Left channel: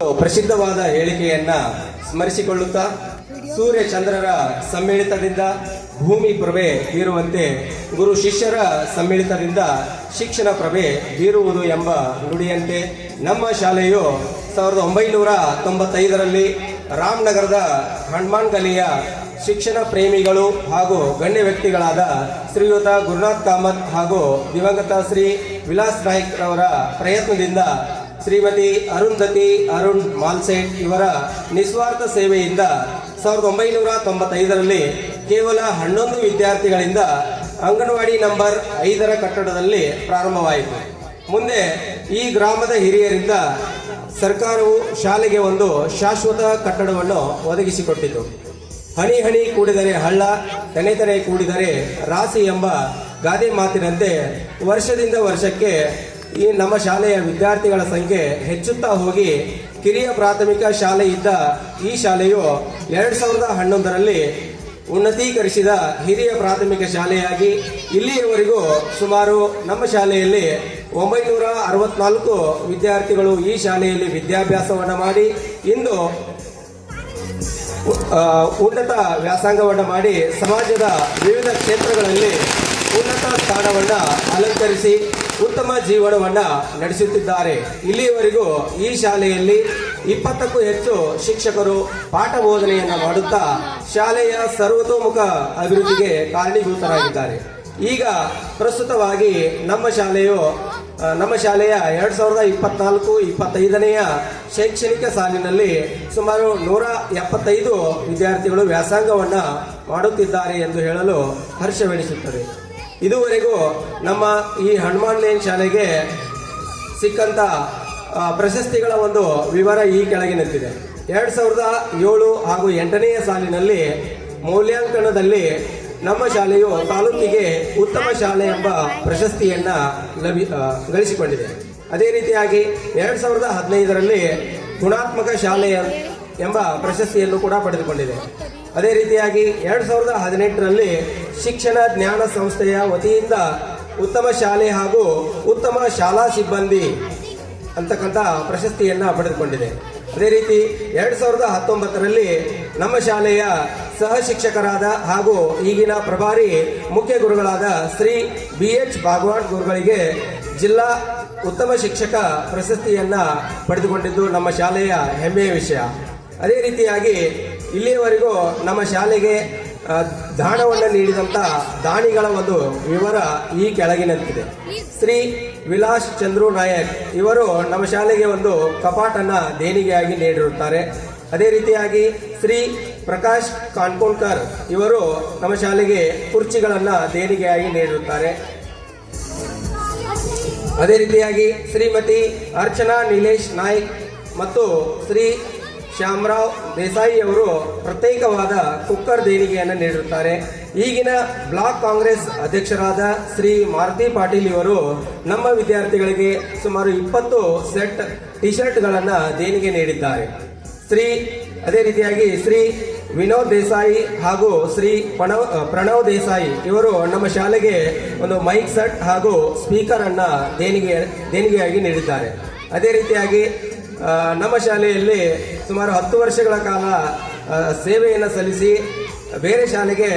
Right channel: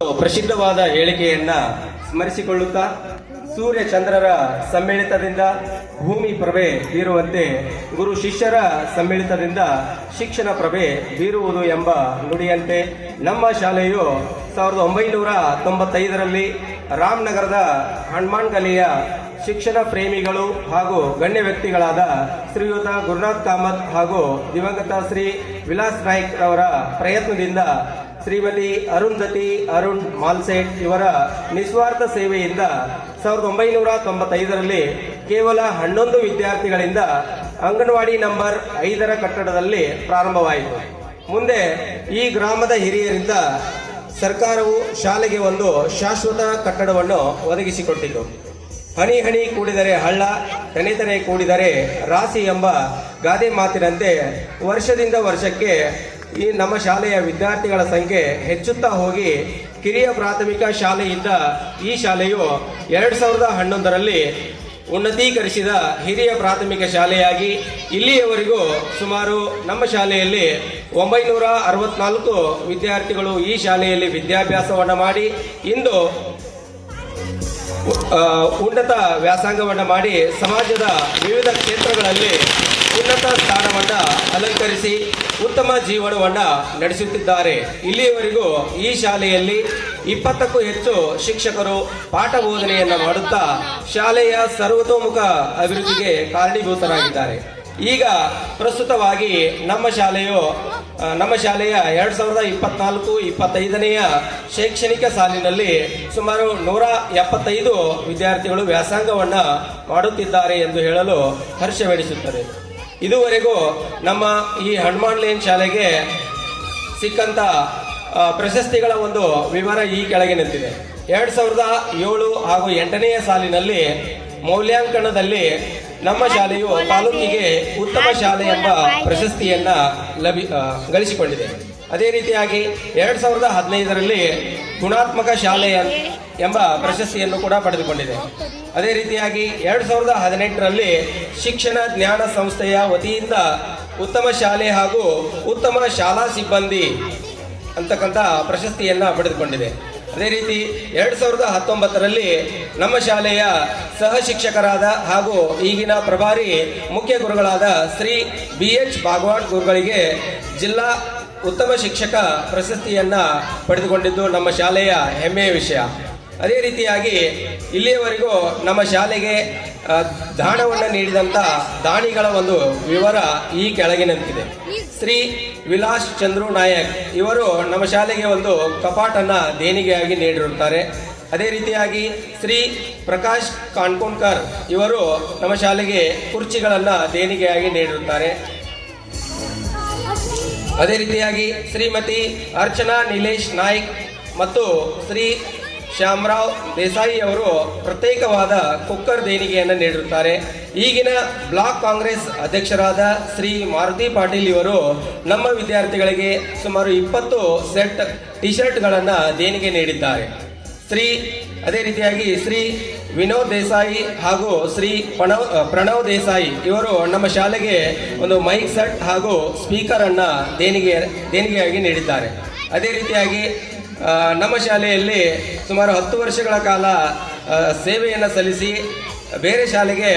ಪ್ರಸಿದ್ಧವಾದ ಹೇಳಿಕೆಯನ್ನ ಸ್ಮರಿಸಿಕೊಳ್ಳುತ್ತಾ ಸೂರ್ಯ ಚಂದ್ರರ ಸಮ್ಮಿಳಿತದಿಂದ ಭೂಮಿ ಪ್ರಭೆ ಬೀರುವಂತೆ ಗುರು ಶಿಷ್ಯರ ಸಮ್ಮಿಳಿತದಿಂದ ಶಿಕ್ಷಣ ಪ್ರಭೆ ಬೀರುವುದು ಎಂಬ ನುಡಿಯಂತೆ ನಮ್ಮ ಶಾಲೆಯು 1995ರಲ್ಲಿ ರಾಮನಗರದ ಹನುಮಾನ್ ಗಲಿಯ ಶಿಕ್ಷಣ ಪ್ರೇಮಿಗಳು ಹಾಗೂ ಗಣ್ಯ ವ್ಯಕ್ತಿಗಳಾದ ಶ್ರೀಯುತ ಗುರುನಾಥ್ ಕಾಮತ್ ಹಾಗೂ ದಿವಂಗತ ಶ್ರೀ ವಿಲಾಸ್ ನಾಯ್ಕ್ ಅವರ ಪ್ರಯತ್ನದಿಂದ ಶ್ರೀಮತಿ ಅರುಂಧತಿ ಅರುಣ್ ಮಾಲ್ಸೇಟ್ ಇವರ ನಿಸ್ವಾರ್ಥ ಸೇವೆಯಿಂದ 1995ರಲ್ಲಿ ಕೇವಲ 11 ವಿದ್ಯಾರ್ಥಿಗಳಿಂದ ಅಂಗನವಾಡಿ ನಂಬರ್ 5ರ ಕಟ್ಟಡದಲ್ಲಿ ಪ್ರಾರಂಭವಾಯಿತು. ಮುಂದೆ ಈ ಗ್ರಾಮದ ಹಿರಿಯರಿಂದ ಸರ್ಕಾರವು ಶಾಲೆಗೆ ಒಂದು ಶಾಶ್ವತ ಕಟ್ಟಡವನ್ನು ಒದಗಿಸಿಕೊಟ್ಟಿತು. ಹನಿ ಹನಿ ಕೂಡಿದರೆ ಹಳ್ಳ, ತೆನೆ ತೆನೆ ಕೂಡಿದರೆ ರಾಶಿ ಎಂಬ ಗಾದೆ ಮಾತಿನಂತೆ ವರ್ಷದಿಂದ ವರ್ಷಕ್ಕೆ ಈ ನಮ್ಮ ಶಾಲೆಯ ವಿದ್ಯಾರ್ಥಿಗಳ ಸಂಖ್ಯೆ ಹೆಚ್ಚುತ್ತಾ ಹೋಗಿ ಕಿರಿಯ ಪ್ರಾಥಮಿಕ ಶಾಲೆ ಇದ್ದ ಈ ಶಾಲೆಯು 2011ರಲ್ಲಿ ಉನ್ನತೀಕರಿಸಿದ ಹಿರಿಯ ಪ್ರಾಥಮಿಕ ಶಾಲೆಯಾಗಿ ಇಲ್ಲಿಯವರೆಗೂ ಸುಮಾರು ನಮ್ಮ ಶಾಲೆಯಲ್ಲಿ 964 ವಿದ್ಯಾರ್ಥಿಗಳು ಈ ಶಾಲೆಯಲ್ಲಿ ವಿದ್ಯಾಭ್ಯಾಸವನ್ನು ಮಾಡಿ ಇಂದು ಉನ್ನತ ವ್ಯಾಸಂಗವನ್ನು ಮಾಡಿ ಸಮಾಜದ ವಿವಿಧ ಕ್ಷೇತ್ರಗಳಲ್ಲಿ ಉನ್ನತ ಸ್ಥಾನವನ್ನು ಅಲಂಕರಿಸಿ ಉತ್ತಮ ಜೀವನವನ್ನು ನಡೆಸುತ್ತಿದ್ದಾರೆ. ಇಲ್ಲಿಯವರೆಗೂ ಈ ಶಾಲೆಯಲ್ಲಿ 20ಕ್ಕೂ ಹೆಚ್ಚು ಶಿಕ್ಷಕರು ಪಾಠ ಬೋಧನೆಯನ್ನು ಮಾಡುತ್ತಾ ಶಾಲೆಯ ಸರ್ವತೋಮುಖ ಅಭಿವೃದ್ಧಿಗೆ ಕಾರಣೀಭೂತರಾಗಿದ್ದಾರೆ. ಈಗ ಪ್ರಸ್ತುತವಾಗಿ ನಮ್ಮ ಶಾಲೆಯ 2024-25ನೇ ಶೈಕ್ಷಣಿಕ ಸಾಲಿನಲ್ಲಿ ಸುಮಾರು 175 ವಿದ್ಯಾರ್ಥಿಗಳು ವ್ಯಾಸಂಗವನ್ನು ಮಾಡುತ್ತಿದ್ದಾರೆ ಎಂದು ಹೇಳಲು ಹರ್ಷವೆನಿಸುತ್ತದೆ. ಇದುವರೆಗೂ ನಮ್ಮ ಈ ಹನುಮಾನ್ ಲೇನ್ ಶಾಲೆಗೆ ಸಿಕ್ಕಂತ ಪ್ರಶಸ್ತಿಗಳ ಒಂದು ವಿವರ ಈ ಕೆಳಗಿನಂತಿದೆ. 2007 ಹಾಗೂ 8ನೇ ಸಾಲಿನಲ್ಲಿ ಮೌಲ್ಯಾಂಕನದಲ್ಲಿ ನಮ್ಮ ಶಾಲೆಯು ತಾಲೂಕಿಗೆ ಉತ್ತಮ ಶಾಲೆ ಎಂಬ ಪ್ರಶಸ್ತಿಯನ್ನ ಗಳಿಸಿಕೊಂಡಿದೆ. ಅದೇ ರೀತಿಯಾಗಿ 2015ರಲ್ಲಿ ಗುಣಾತ್ಮಕ ಶಾಲೆ ಎಂಬ ಪ್ರಶಸ್ತಿಯನ್ನು ಕೂಡ ಪಡೆದುಕೊಂಡಿದೆ. ಅದೇ ರೀತಿಯಾಗಿ 2018ರಲ್ಲಿ ಶಿಕ್ಷಣ ಜ್ಞಾನ ಸಂಸ್ಥೆಯ ವತಿಯಿಂದ ಉತ್ತಮ ಶಾಲೆ ಹಾಗೂ ಉತ್ತಮ ಶಾಲಾ ಸಿಬ್ಬಂದಿ ಅಂತಕ್ಕಂಥ ಪ್ರಶಸ್ತಿಯನ್ನ ಪಡೆದುಕೊಂಡಿದೆ. ಅದೇ ರೀತಿ 2019ರಲ್ಲಿ ನಮ್ಮ ಶಾಲೆಯ ಸಹ ಶಿಕ್ಷಕರಾದ ಹಾಗೂ ಈಗಿನ ಪ್ರಭಾರಿ ಮುಖ್ಯ ಗುರುಗಳಾದ ಶ್ರೀ BH ಭಾಗವಾನ್ ಗುರುಗಳಿಗೆ ಜಿಲ್ಲಾ ಉತ್ತಮ ಶಿಕ್ಷಕ ಪ್ರಶಸ್ತಿಯನ್ನ ಪಡೆದುಕೊಂಡಿದ್ದು ನಮ್ಮ ಶಾಲೆಯ ಹೆಮ್ಮೆಯ ವಿಷಯ. ಅದೇ ರೀತಿಯಾಗಿ ಇಲ್ಲಿಯವರೆಗೂ ನಮ್ಮ ಶಾಲೆಗೆ ದಾನವನ್ನು ನೀಡಿದಂಥ ದಾನಿಗಳ ಒಂದು ವಿವರ ಈ ಕೆಳಗಿನಂತಿದೆ. ಶ್ರೀ ವಿಲಾಸ್ ಚಂದ್ರು ನಾಯಕ್ ಇವರು ನಮ್ಮ ಶಾಲೆಗೆ ಒಂದು ಕಪಾಟನ್ನ ದೇಣಿಗೆಯಾಗಿ ನೀಡಿರುತ್ತಾರೆ. ಅದೇ ರೀತಿಯಾಗಿ ಶ್ರೀ ಪ್ರಕಾಶ್ ಕಾನ್ಕೋನ್ಕರ್ ಇವರು ನಮ್ಮ ಶಾಲೆಗೆ ಕುರ್ಚಿಗಳನ್ನು ದೇಣಿಗೆಯಾಗಿ ನೀಡಿರುತ್ತಾರೆ. ಅದೇ ರೀತಿಯಾಗಿ ಶ್ರೀಮತಿ ಅರ್ಚನಾ ನಿಲೇಶ್ ನಾಯ್ಕ್ ಮತ್ತು ಶ್ರೀ ಶ್ಯಾಮರಾವ್ ದೇಸಾಯಿ ಅವರು ಪ್ರತ್ಯೇಕವಾದ ಕುಕ್ಕರ್ ದೇಣಿಗೆಯನ್ನು ನೀಡಿರುತ್ತಾರೆ. ಈಗಿನ ಬ್ಲಾಕ್ ಕಾಂಗ್ರೆಸ್ ಅಧ್ಯಕ್ಷರಾದ ಶ್ರೀ ಮಾರುತಿ ಪಾಟೀಲ್ ಇವರು ನಮ್ಮ ವಿದ್ಯಾರ್ಥಿಗಳಿಗೆ ಸುಮಾರು 20 ಸೆಟ್ ಟಿ ಶರ್ಟ್ಗಳನ್ನು ದೇಣಿಗೆ ನೀಡಿದ್ದಾರೆ. ಅದೇ ರೀತಿಯಾಗಿ ಶ್ರೀ ವಿನೋದ್ ದೇಸಾಯಿ ಹಾಗೂ ಶ್ರೀ ಪ್ರಣವ್ ದೇಸಾಯಿ ಇವರು ನಮ್ಮ ಶಾಲೆಗೆ ಒಂದು ಮೈಕ್ ಸೆಟ್ ಹಾಗೂ ಸ್ಪೀಕರ್ ಅನ್ನ ದೇಣಿಗೆಯಾಗಿ ನೀಡಿದ್ದಾರೆ. ಅದೇ ರೀತಿಯಾಗಿ ನಮ್ಮ ಶಾಲೆಯಲ್ಲಿ ಸುಮಾರು 10 ವರ್ಷಗಳ ಕಾಲ ಸೇವೆಯನ್ನು ಸಲ್ಲಿಸಿ ಬೇರೆ ಶಾಲೆಗೆ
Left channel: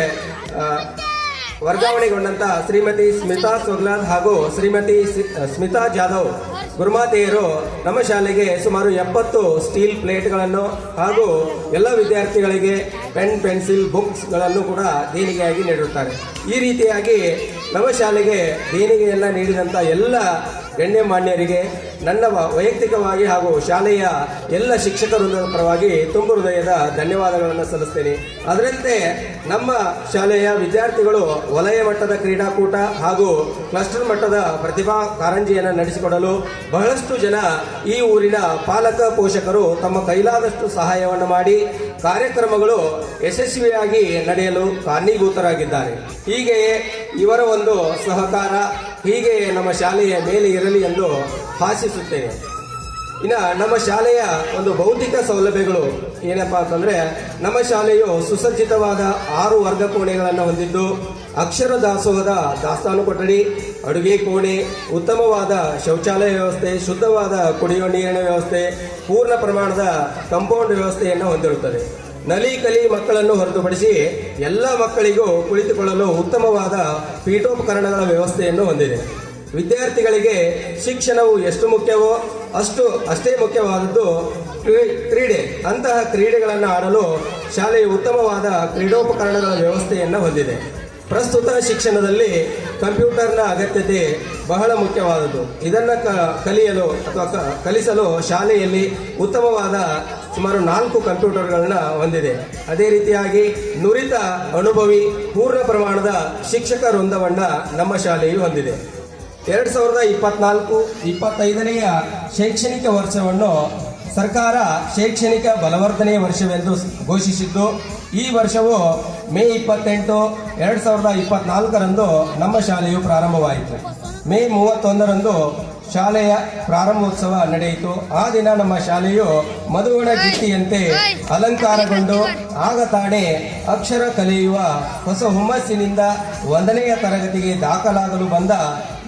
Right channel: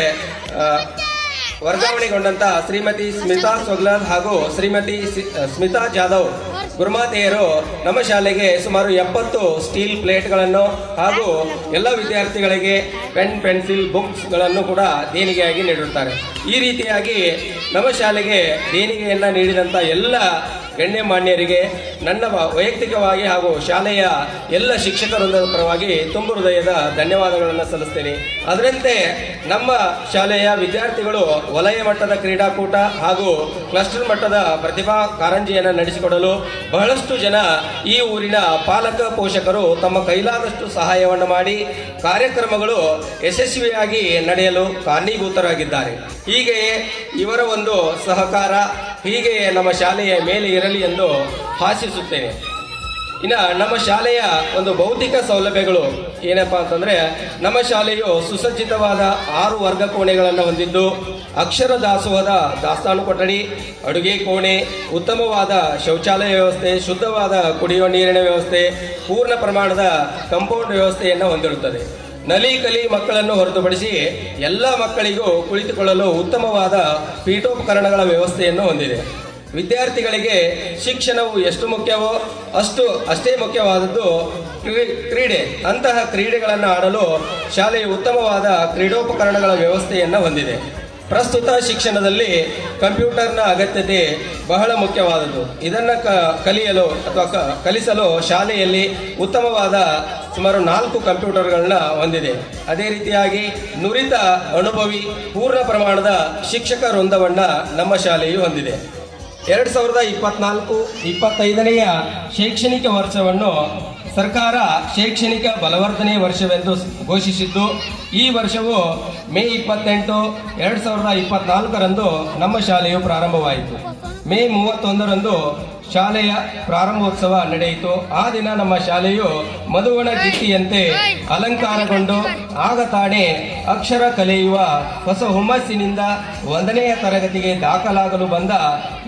ವರ್ಗಾವಣೆಗೊಂಡಂತ ಶ್ರೀಮತಿ ಸ್ಮಿತಾ ಸೊಗ್ಲಾದ್ ಹಾಗೂ ಶ್ರೀಮತಿ ಸ್ಮಿತಾ ಜಾಧವ್ ಗುರುಮಾತೆಯರು ನಮ್ಮ ಶಾಲೆಗೆ ಸುಮಾರು 70 ಸ್ಟೀಲ್ ಪ್ಲೇಟ್ಗಳನ್ನು ಹಾಗೂ ಎಲ್ಲ ವಿದ್ಯಾರ್ಥಿಗಳಿಗೆ ಪೆನ್ ಪೆನ್ಸಿಲ್ ಬುಕ್ಸ್ಗಳನ್ನು ಕೂಡ ದೇಣಿಗೆಯಾಗಿ ನೀಡಿರುತ್ತಾರೆ. ಈ ರೀತಿಯಾಗಿ ನಮ್ಮ ಶಾಲೆಗೆ ದೇಣಿಗೆಯನ್ನು ನೀಡಿದಂಥ ಎಲ್ಲ ಗಣ್ಯಮಾನ್ಯರಿಗೆ ನನ್ನ ವೈಯಕ್ತಿಕವಾಗಿ ಹಾಗೂ ಶಾಲೆಯ ಎಲ್ಲ ಶಿಕ್ಷಕ ವೃಂದದ ಪರವಾಗಿ ತುಂಬ ಹೃದಯದ ಧನ್ಯವಾದಗಳನ್ನು ಸಲ್ಲಿಸ್ತೇನೆ. ಅದರಂತೆ ನಮ್ಮ ಶಾಲೆಯ ವಿದ್ಯಾರ್ಥಿಗಳು ವಲಯ ಮಟ್ಟದ ಕ್ರೀಡಾಕೂಟ ಹಾಗೂ ಕ್ಲಸ್ಟರ್ ಮಟ್ಟದ ಪ್ರತಿಭಾ ಕಾರಂಜಿಯನ್ನು ನಡೆಸಿಕೊಡಲು ಬಹಳಷ್ಟು ಜನ ಈ ಊರಿನ ಪಾಲಕ ಪೋಷಕರು ತಮ್ಮ ಕೈಲಾದಷ್ಟು ಸಹಾಯವನ್ನು ಮಾಡಿ ಕಾರ್ಯಕ್ರಮಗಳು ಯಶಸ್ವಿಯಾಗಿ ನಡೆಯಲು ಕಾರಣೀಭೂತರಾಗಿದ್ದಾರೆ. ಹೀಗೆಯೇ ಇವರ ಒಂದು ಸಹಕಾರ ಹೀಗೆ ನಮ್ಮ ಶಾಲೆಯ ಮೇಲೆ ಇರಲಿ ಎಂದು ಆಶಿಸುತ್ತೇನೆ. ಇನ್ನು ನಮ್ಮ ಶಾಲೆಯ ಒಂದು ಭೌತಿಕ ಸೌಲಭ್ಯಗಳು ಏನಪ್ಪಾ ಅಂತಂದ್ರೆ, ನಮ್ಮ ಶಾಲೆಯು ಸುಸಜ್ಜಿತವಾದ 6 ವರ್ಗ ಕೋಣೆಗಳನ್ನು ಹೊಂದಿದ್ದು, ಅಕ್ಷರ ದಾಸೋಹದ ದಾಸ್ತಾನು ಕೊಠಡಿ, ಅಡುಗೆ ಕೋಣೆ, ಉತ್ತಮವಾದ ಶೌಚಾಲಯ ವ್ಯವಸ್ಥೆ, ಶುದ್ಧವಾದ ಕುಡಿಯುವ ನೀರಿನ ವ್ಯವಸ್ಥೆ, ಪೂರ್ಣ ಪ್ರಮಾಣದ ಕಾಂಪೌಂಡ್ ವ್ಯವಸ್ಥೆಯನ್ನು ಹೊಂದಿರುತ್ತದೆ. ನಲಿ ಕಲಿ ಮಕ್ಕಳನ್ನು ಹೊರತುಪಡಿಸಿ ಎಲ್ಲ ಮಕ್ಕಳಿಗೂ ಕುಳಿತುಕೊಳ್ಳಲು ಉತ್ತಮವಾದ ಪೀಠೋಪಕರಣಗಳ ವ್ಯವಸ್ಥೆಯನ್ನು ಹೊಂದಿದೆ. ವಿದ್ಯಾರ್ಥಿಗಳಿಗೆ ಶಿಕ್ಷಣವು ಎಷ್ಟು ಮುಖ್ಯವೋ ಅಷ್ಟೇ ಮುಖ್ಯವಾದದ್ದು ಕ್ರೀಡೆ. ಅಂತಹ ಕ್ರೀಡೆಗಳನ್ನು ಆಡಲು ಶಾಲೆಯು ಉತ್ತಮವಾದ ಕ್ರೀಡೋಪಕರಣಗಳ ವ್ಯವಸ್ಥೆಯನ್ನು ಹೊಂದಿದೆ. ಪ್ರಸ್ತುತ ಶಿಕ್ಷಣದಲ್ಲಿ ಕಂಪ್ಯೂಟರ್ನ ಅಗತ್ಯತೆ ಬಹಳ ಮುಖ್ಯವಾದದ್ದು. ಇದನ್ನು ಕಲಿಯಲು ಅಥವಾ ಕಲಿಸಲು ಶಾಲೆಯಲ್ಲಿ ಉತ್ತಮವಾದ ಸುಮಾರು 4 ಕಂಪ್ಯೂಟರ್ಗಳನ್ನ ಹೊಂದಿದೆ. ಅದೇ ರೀತಿಯಾಗಿ ನುರಿತ ಅನುಭವಿ ಪೂರ್ಣ ಪ್ರಮಾಣದ ಶಿಕ್ಷಕ ವೃಂದವನ್ನ ನಮ್ಮ ಶಾಲೆಯು ಹೊಂದಿದೆ. 2024-25ನೆಯ ಶೈಕ್ಷಣಿಕ ವರ್ಷವನ್ನು ಸರ್ಕಾರ ಶೈಕ್ಷಣಿಕ ಬಲವರ್ಧನೆ ವರ್ಷವೆಂದು ಘೋಷಿಸಿದ್ದು, ಈ ವರ್ಷವು ಮೇ 28, 2024ರಂದು ನಮ್ಮ ಶಾಲೆಯು ಪ್ರಾರಂಭವಾಯಿತು. ಮೇ 31ರಂದು ಶಾಲೆಯ ಪ್ರಾರಂಭೋತ್ಸವ ನಡೆಯಿತು. ಆ ದಿನ ನಮ್ಮ ಶಾಲೆಯು ಮಧುವಣ ಜಿತ್ತಿಯಂತೆ ಅಲಂಕಾರಗೊಂಡು ಆಗ ತಾನೇ ಅಕ್ಷರ ಕಲಿಯುವ ಹೊಸ ಹುಮ್ಮಸ್ಸಿನಿಂದ 1ನೆಯ ತರಗತಿಗೆ ದಾಖಲಾಗಲು ಬಂದ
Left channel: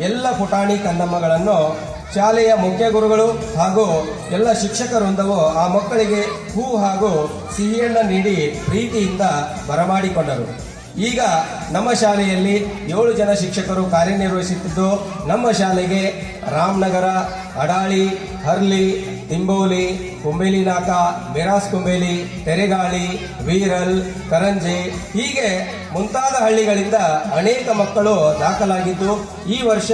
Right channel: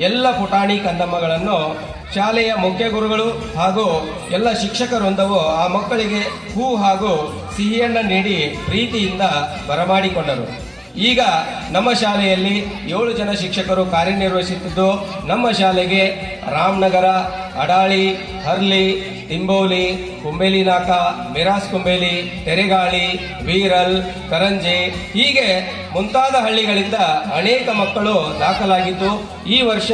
ಎಲ್ಲ ಪುಟಾಣಿ ಕಂದಮ್ಮಗಳನ್ನು ಶಾಲೆಯ ಮುಖ್ಯ ಗುರುಗಳು ಹಾಗೂ ಎಲ್ಲ ಶಿಕ್ಷಕ ವೃಂದವು ಆ ಮಕ್ಕಳಿಗೆ ಹೂ ಹಾಗೂ ಸಿಹಿಯನ್ನ ನೀಡಿ ಪ್ರೀತಿಯಿಂದ ಬರಮಾಡಿಕೊಂಡರು. ಈಗ ನಮ್ಮ ಶಾಲೆಯಲ್ಲಿ 7 ಜನ ಶಿಕ್ಷಕರು ಕಾರ್ಯನಿರ್ವಹಿಸುತ್ತಿದ್ದು, ನಮ್ಮ ಶಾಲೆಗೆ ರಾಮನಗರ, ಅಡಾಳಿ, ಹರ್ಲಿ, ತಿಂಬೋಲಿ, ಕುಂಬೇಲಿನಾಕ, ಮಿರಾಸ್ ಕುಂಬೇಲಿ, ತೆರೆಗಾಳಿ, ವೀರಲ್, ಕರಂಜೆ ಹೀಗೆ ಮುಂತಾದ ಹಳ್ಳಿಗಳಿಂದ ಅನೇಕ ಮಕ್ಕಳು ದಾಖಲಾಗಿದ್ದು, ಈ ವರ್ಷ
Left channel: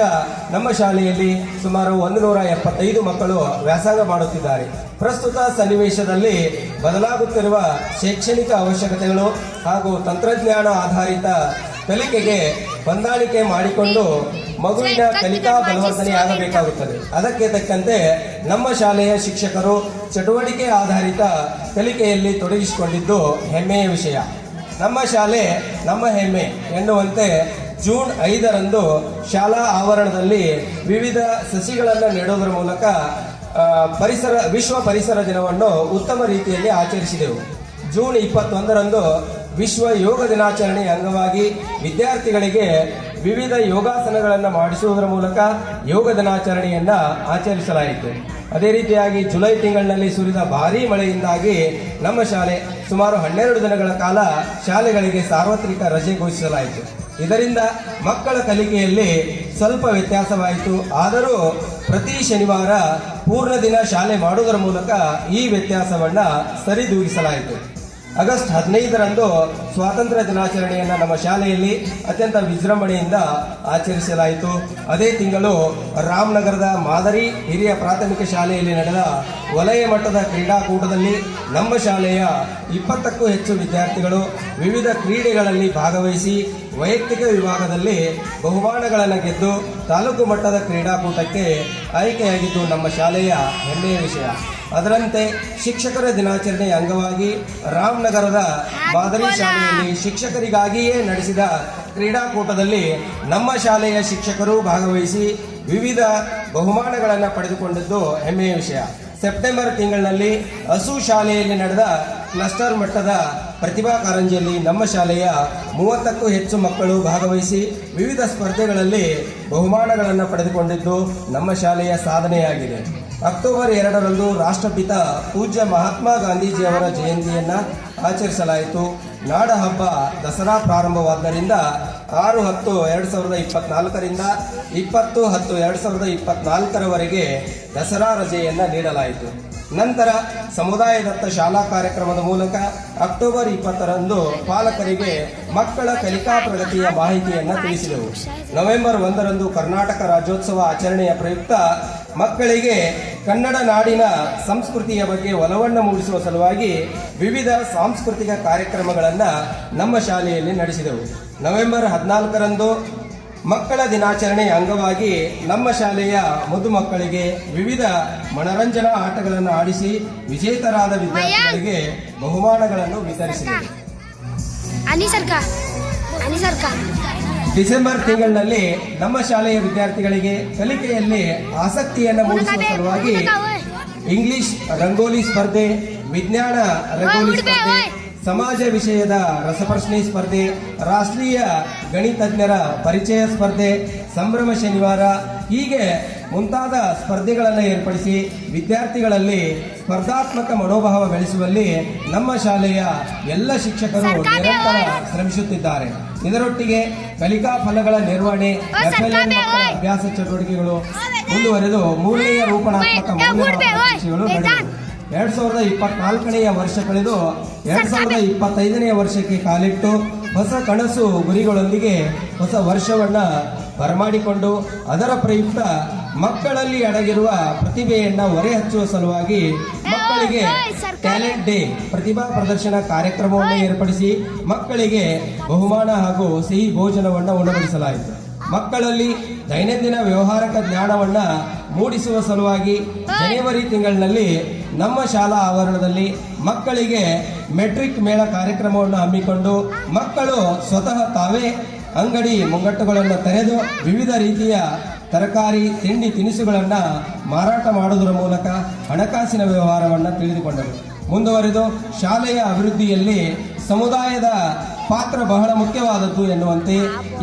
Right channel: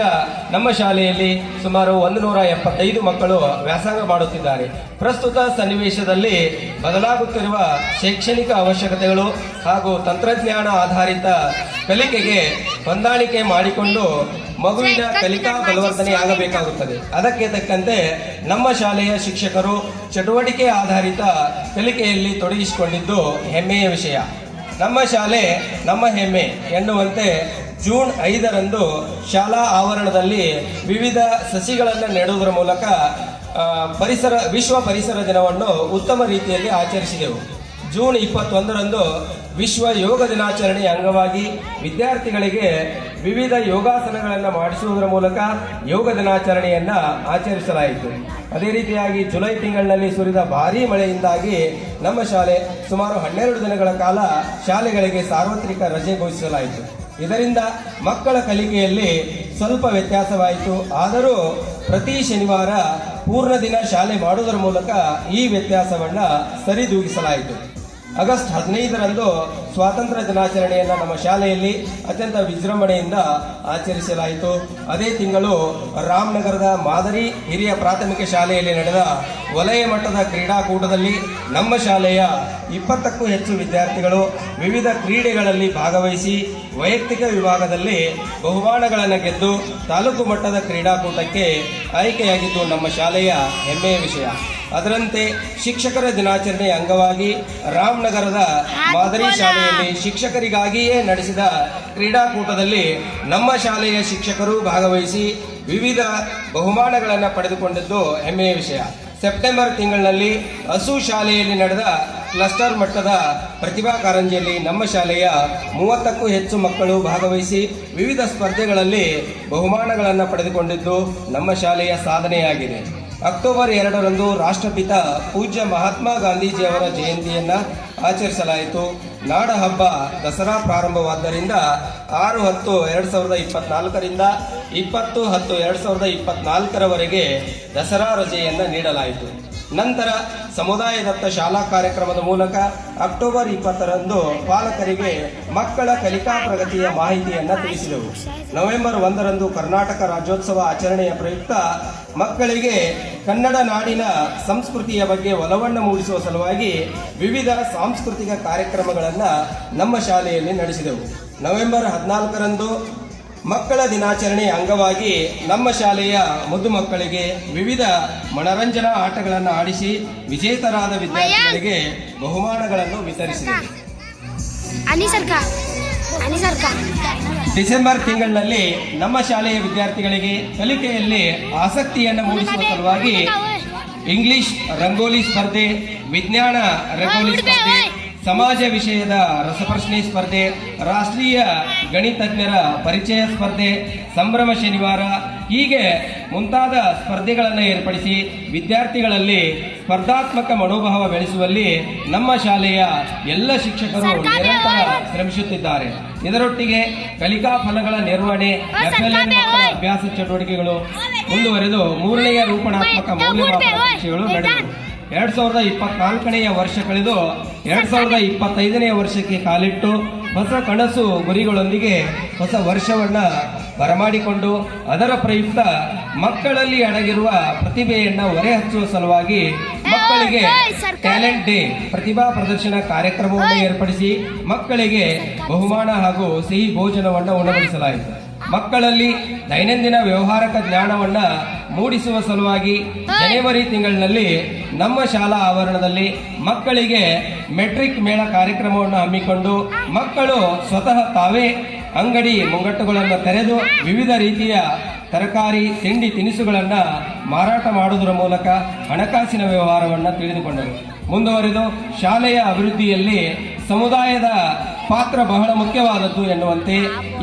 ನಮ್ಮ ಶಾಲೆಯಲ್ಲಿ ಸುಮಾರು 175 ಮಕ್ಕಳು ವ್ಯಾಸಂಗ ಮಾಡುತ್ತಿದ್ದಾರೆ. ಪ್ರಸ್ತುತ ಸನ್ನಿವೇಶದಲ್ಲಿ ಬದಲಾಗುತ್ತಿರುವ ಶೈಕ್ಷಣಿಕ ಅವಶ್ಯಕತೆಗಳು ಹಾಗೂ ತಂತ್ರಜ್ಞಾನ ಆಧಾರಿತ ಕಲಿಕೆಗೆ ಹೊಂದಾಣಿಕೆ ಮಾಡಿಕೊಂಡು ಮಗುವಿನ ಕಲಿಕಾ ಬಲವರ್ಧನೆ ಆಗಬೇಕಾಗುತ್ತದೆ. ಅದಕ್ಕೆ ತಕ್ಕಂತೆ ನಮ್ಮ ಶಾಲೆಯ ಶಿಕ್ಷಕರು ಚಟುವಟಿಕೆ ಆಧಾರಿತ ಕಲಿಕೆಯಲ್ಲಿ ತೊಡಗಿಸಿಕೊಂಡಿದ್ದು ಹೆಮ್ಮೆಯ ವಿಷಯ. ನಮ್ಮ ಶಾಲೆ ನಮ್ಮ ಹೆಮ್ಮೆ ಎನ್ನುವಂತೆ ಜೂನ್ 5ರಂದು ಶಾಲಾ ಆವರಣದಲ್ಲಿ ವಿವಿಧ ಸಸಿಗಳನ್ನು ನೆಡುವುದರ ಮೂಲಕ ವಿಶ್ವ ಪರಿಸರ ದಿನವನ್ನು ಉತ್ತಮ ರೀತಿಯಲ್ಲಿ ಆಚರಿಸಿದೆವು. ಜೂನ್ 21ರಂದು ವಿಶ್ವ ಯೋಗ ದಿನಾಚರಣೆಯ ಅಂಗವಾಗಿ ವಿದ್ಯಾರ್ಥಿಗಳಿಗೆ ವಿವಿಧ ಯೋಗಾಸನಗಳನ್ನು ಮಾಡಿಸುವುದರ ಮೂಲಕ ಯೋಗ ದಿನಾಚರಣೆಯನ್ನ ಆಚರಿಸಲಾಯಿತು. ಅದೇ ರೀತಿಯಾಗಿ ಜುಲೈ ತಿಂಗಳಿನಲ್ಲಿ ಸುರಿದ ಭಾರೀ ಮಳೆಯಿಂದಾಗಿ ನಮ್ಮ ಶಾಲೆ ಸುಮಾರು 12 ದಿನಗಳ ಕಾಲ ಶಾಲೆಗಳಿಗೆ ಸಾರ್ವತ್ರಿಕ ರಜೆ ಘೋಷಿಸಲಾಯಿತು. ಇದರಿಂದ ಮಕ್ಕಳ ಕಲಿಕೆಯಲ್ಲಿ ಸ್ವಲ್ಪ ವ್ಯತ್ಯಾಸವಾಯಿತು. ಆದರೂ ಪ್ರತಿ ಶನಿವಾರ ಪೂರ್ಣ ದಿನ ಶಾಲೆ ಮಾಡುವುದರ ಮೂಲಕ ಈ ವ್ಯತ್ಯಾಸವನ್ನ ಸರಿದೂಗಿಸಲಾಯಿತು. ಆಗಸ್ಟ್ 15ರಂದು ಸ್ವಾತಂತ್ರ್ಯ ದಿನಾಚರಣೆಯನ್ನು ನಮ್ಮ ಶಾಲೆಯಲ್ಲಿ ಅತ್ಯಂತ ವಿಜೃಂಭಣೆಯಿಂದ ಆಚರಿಸಲಾಯಿತು. ಅದೇ ತಿಂಗಳು ರಾಮನಗರದ ಮಾದರಿ ಹಿರಿಯ ಪ್ರಾಥಮಿಕ ಶಾಲೆಯಲ್ಲಿ ನಡೆದ ವಲಯ ಮಟ್ಟದ ಕ್ರೀಡಾಕೂಟದಲ್ಲಿ ನಮ್ಮ ಶಾಲೆಯ 20ಕ್ಕೂ ಹೆಚ್ಚು ವಿದ್ಯಾರ್ಥಿಗಳು ವಿವಿಧ ಕ್ರೀಡೆಗಳಲ್ಲಿ ಭಾಗವಹಿಸಿ ವೈಯಕ್ತಿಕ ವಿಭಾಗದಲ್ಲಿ ಬಹುಮಾನಗಳನ್ನು ಗೆದ್ದು ತಾಲೂಕು ಮಟ್ಟದ ಕ್ರೀಡಾಕೂಟಕ್ಕೆ ಆಯ್ಕೆಯಾಗಿದ್ದು ನಮ್ಮ ಶಾಲೆಯ ಹೆಮ್ಮೆಯ ವಿಷಯ. ಅದರಂತೆ ಶಿಕ್ಷಕರ ದಿನಾಚರಣೆಯ ಅಂಗವಾಗಿ ರಾಮನಗರದ ಮಾದರಿ ಶಾಲೆಯಲ್ಲಿ ಶಿಕ್ಷಕರಿಗಾಗಿಯೇ ನಡೆಸಿದ ಕ್ರೀಡಾಕೂಟದಲ್ಲಿ ನಮ್ಮ ಶಾಲೆಯ ಶಿಕ್ಷಕರು ಭಾಗವಹಿಸಿ ವಿವಿಧ ಬಹುಮಾನಗಳನ್ನು ಪಡೆದುಕೊಂಡಿದ್ದು ಹೆಮ್ಮೆಯ ವಿಷಯ. ಸೆಪ್ಟೆಂಬರ್ ತಿಂಗಳಿನಲ್ಲಿ ಹಸು ಶಾಲೆಯಲ್ಲಿ ನಡೆದ ಕ್ಲಸ್ಟರ್ ಮಟ್ಟದ ಪ್ರತಿಭಾ ಕಾರಂಜಿಯಲ್ಲಿ ನಮ್ಮ ಶಾಲೆಯ 30ಕ್ಕೂ ಹೆಚ್ಚು ಮಕ್ಕಳು ಭಾಗವಹಿಸಿ ವಿವಿಧ ಸ್ಪರ್ಧೆಗಳಲ್ಲಿ ಬಹುಮಾನಗಳನ್ನು ಪಡೆದುಕೊಂಡಿದ್ದು ನಮ್ಮ ಶಾಲೆಯ ಸಾಧನೆಯಾಗಿದೆ. ಅಕ್ಟೋಬರ್ 2ರಂದು ರಾಷ್ಟ್ರಪಿತ ಪೂಜ್ಯ ಮಹಾತ್ಮ ಗಾಂಧೀಜಿಯವರ ಜಯಂತಿಯನ್ನು ಆಚರಿಸಲಾಯಿತು. ನಾಡ ಹಬ್ಬ ದಸರಾ ಪ್ರಾರಂಭವಾದ್ದರಿಂದ 6/10/2024ರಿಂದ 20/10/2024ರವರೆಗೆ ದಸರಾ ರಜೆಯನ್ನು ನೀಡಲಾಯಿತು. ನಂತರ ಸಮುದಾಯದತ್ತ ಶಾಲಾ ಕಾರ್ಯಕ್ರಮದ ಮೂಲಕ ಅಕ್ಟೋಬರ್ 20ರಂದು ಪಾಲಕರಿಗೆ ಮಕ್ಕಳ ಕಲಿಕಾ ಪ್ರಗತಿಯ ಮಾಹಿತಿಯನ್ನು ತಿಳಿಸಿದೆವು. ನವೆಂಬರ್ 1ರಂದು ಕರ್ನಾಟಕ ರಾಜ್ಯೋತ್ಸವ ಆಚರಣೆಯ ಪ್ರಯುಕ್ತ ಮಕ್ಕಳಿಗೆ ಕನ್ನಡ ನಾಡಿನ ಸಂಸ್ಕೃತಿಯ ಬಗ್ಗೆ ಒಲವನ್ನು ಮೂಡಿಸುವ ಸಲುವಾಗಿ ವಿವಿಧ ಸಾಂಸ್ಕೃತಿಕ ಕಾರ್ಯಕ್ರಮಗಳನ್ನು ನಮ್ಮ ಶಾಲೆಯಲ್ಲಿ ನಡೆಸಿದೆವು. ನವೆಂಬರ್ 14ರಂದು ಮಕ್ಕಳ ದಿನಾಚರಣೆಯ ಅಂಗವಾಗಿ ನಮ್ಮ ಶಾಲೆಯ ಮುದ್ದು ಮಕ್ಕಳಿಗೆ ವಿವಿಧ ಮನರಂಜನಾ ಆಟಗಳನ್ನು ಆಡಿಸಿ ವಿಜೇತರಾದ ವಿದ್ಯಾರ್ಥಿಗಳಿಗೆ ಬಹುಮಾನಗಳನ್ನು ವಿತರಿಸಿದರು. ಡಿಸೆಂಬರ್ ತಿಂಗಳಿನಲ್ಲಿ ನಮ್ಮ ಶಾಲೆಯ ವಿದ್ಯಾರ್ಥಿಗಳಿಗೆ ಕಲಿಕೆಯಲ್ಲಿ ಆಸಕ್ತಿಯನ್ನು ಮೂಡಿಸುವ ಸಲುವಾಗಿ ಇಂಗ್ಲಿಷ್ ರಂಗೋಲಿ ಸ್ಪರ್ಧೆ, ವಿಜ್ಞಾನ ರಂಗೋಲಿ ಸ್ಪರ್ಧೆ, ಸಮಾಜ ವಿಷಯದ ರಸಪ್ರಶ್ನೆ ಸ್ಪರ್ಧೆ, ರಾಷ್ಟ್ರೀಯ ಗಣಿತಜ್ಞರ ಪರಿಚಯ ಸ್ಪರ್ಧೆ, ಸಂಭ್ರಮ ಶನಿವಾರ ಹೀಗೆ ಮುಂತಾದ ಸ್ಪರ್ಧೆಗಳನ್ನು ಏರ್ಪಡಿಸಿ ವಿದ್ಯಾರ್ಥಿಗಳಲ್ಲಿ ಸ್ಪರ್ಧಾತ್ಮಕ ಮನೋಭಾವ ಬೆಳೆಸುವಲ್ಲಿ ನಮ್ಮ ಶಾಲೆಯ ಎಲ್ಲ ಶಿಕ್ಷಕರು ನಿರಂತರ ಶ್ರಮಿಸುತ್ತಿದ್ದಾರೆ. ಇದರೊಟ್ಟಿಗೆ ಕಲಿಕಾ ಫಲಗಳ ನಿರ್ವಹಣೆ, FLN ಮಕ್ಕಳ ಅಭ್ಯಾಸ ಚಟುವಟಿಕೆಗಳು ಮುಂದುವರೆದು 3ನೇ ರೂಪಣಾತ್ಮಕ ಮೌಲ್ಯಮಾಪನ ಪರೀಕ್ಷೆಗಳು ನಡೆದವು. 2024ನೇ ವರ್ಷ ಕಳೆದು 2025ನೇ ವರ್ಷಕ್ಕೆ ಕಾಲಿಟ್ಟು ಹೊಸ ಕನಸು ಗುರಿಗಳೊಂದಿಗೆ ಹೊಸ ವರ್ಷವನ್ನ ಬರಮಾಡಿಕೊಂಡು ಅದರ ಪ್ರಯುಕ್ತ ಮಕ್ಕಳಲ್ಲಿ ಅಡಗಿರುವ ಪ್ರತಿಭೆಯನ್ನ ಹೊರೆಹಚ್ಚುವ ಸಲುವಾಗಿ ಮಕ್ಕಳಿಗೆ ಟ್ಯಾಲೆಂಟ್ ಡೇ ಪ್ರತಿಭಾ ಪ್ರದರ್ಶನ ಕಾರ್ಯಕ್ರಮವನ್ನು ಏರ್ಪಡಿಸಿ ಮಕ್ಕಳಿಗೆ ಬಹುಮಾನ ಹಾಗೂ ಸಿಹಿ ಭೋಜನವನ್ನು ಉಣಬಡಿಸಲಾಯಿತು. ಮಕ್ಕಳಲ್ಲಿ ದೈನಂದಿನ ವ್ಯವಹಾರಕ ಜ್ಞಾನವನ್ನ ಮೂಡಿಸುವ ಸಲುವಾಗಿ ಜನವರಿ ತಿಂಗಳಿನಲ್ಲಿ ನಮ್ಮ ಶಾಲಾ ಆವರಣದಲ್ಲಿ ಮಕ್ಕಳಿಗೆ ಮೆಟ್ರಿಕ್ ಮೇಳ ಕಾರ್ಯಕ್ರಮವನ್ನು ಹಮ್ಮಿಕೊಂಡು ಮಕ್ಕಳು ಸ್ವತಃ ತಾವೇ ಅಂಗಡಿ ಮುಂಗಟ್ಟುಗಳನ್ನು ತೆರೆದು ವಿವಿಧ ರೀತಿಯ ತರಕಾರಿ ತಿಂಡಿ ತಿನಿಸುಗಳನ್ನು ಮಾರಾಟ ಮಾಡುವುದರ ಮೂಲಕ ಹಣಕಾಸಿನ ವ್ಯವಹಾರವನ್ನು ತಿಳಿದುಕೊಂಡರು. ಮುಂದುವರೆದು ಶಾಲೆಯ ಅಭಿವೃದ್ಧಿಯಲ್ಲಿ ಸಮುದಾಯದ ಪಾತ್ರ ಬಹಳ ಮುಖ್ಯವಾದದ್ದು ಎನ್ನುವಂತೆ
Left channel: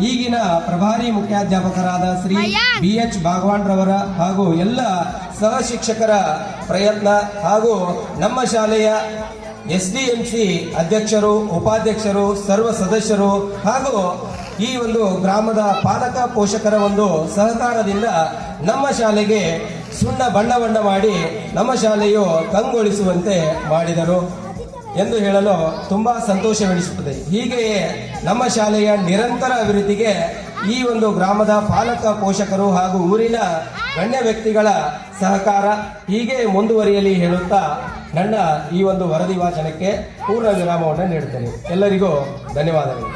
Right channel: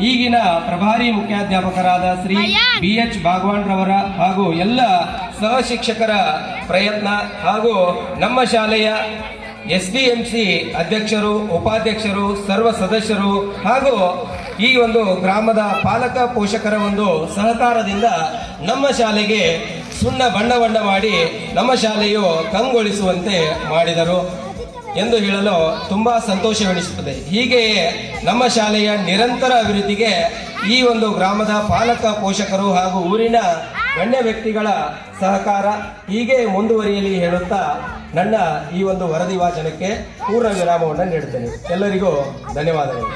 ಈಗಿನ ಪ್ರಭಾರಿ ಮುಖ್ಯಾಧ್ಯಾಪಕರಾದ ಶ್ರೀ BH ಭಾಗವಾನ್ರವರ ಹಾಗೂ ಎಲ್ಲ ಸಹ ಶಿಕ್ಷಕರ ಪ್ರಯತ್ನ ಹಾಗೂ ನಮ್ಮ ಶಾಲೆಯ SDMC ಅಧ್ಯಕ್ಷರು, ಉಪಾಧ್ಯಕ್ಷರು, ಸರ್ವ ಸದಸ್ಯರು ಹಾಗೂ ಈ ಒಂದು ಗ್ರಾಮದ ಪಾಲಕ ಪೋಷಕರ ಒಂದು ಸಹಕಾರದಿಂದ ನಮ್ಮ ಶಾಲೆಗೆ ಸುಣ್ಣ ಬಣ್ಣ ಮಾಡಿ ನಮ್ಮ ಶಾಲೆಯು ಕಂಗೊಳಿಸುವಂತೆ ಮಾಡಿದರು ಎಂದು ಹೇಳಲು ತುಂಬಾ ಸಂತೋಷವೆನಿಸುತ್ತದೆ. ಹೀಗೆಯೇ ನಮ್ಮ ಶಾಲೆಯ ನಿರಂತರ ಅಭಿವೃದ್ಧಿಗೆ ಈ ಒಂದು ಗ್ರಾಮದ ಪಾಲಕ ಪೋಷಕರು ಹಾಗೂ ಊರಿನ ಗಣ್ಯ ವ್ಯಕ್ತಿಗಳ ಸಹಕಾರ ಹೀಗೆ ಮುಂದುವರಿಯಲಿ ಹೇಳುತ್ತಾ ನನ್ನ ಈ ಒಂದು ವರದಿ ವಾಚನಕ್ಕೆ ಪೂರ್ಣ ವಿರಾಮವನ್ನು ನೀಡುತ್ತೇನೆ. ಎಲ್ಲರಿಗೂ ಧನ್ಯವಾದಗಳು.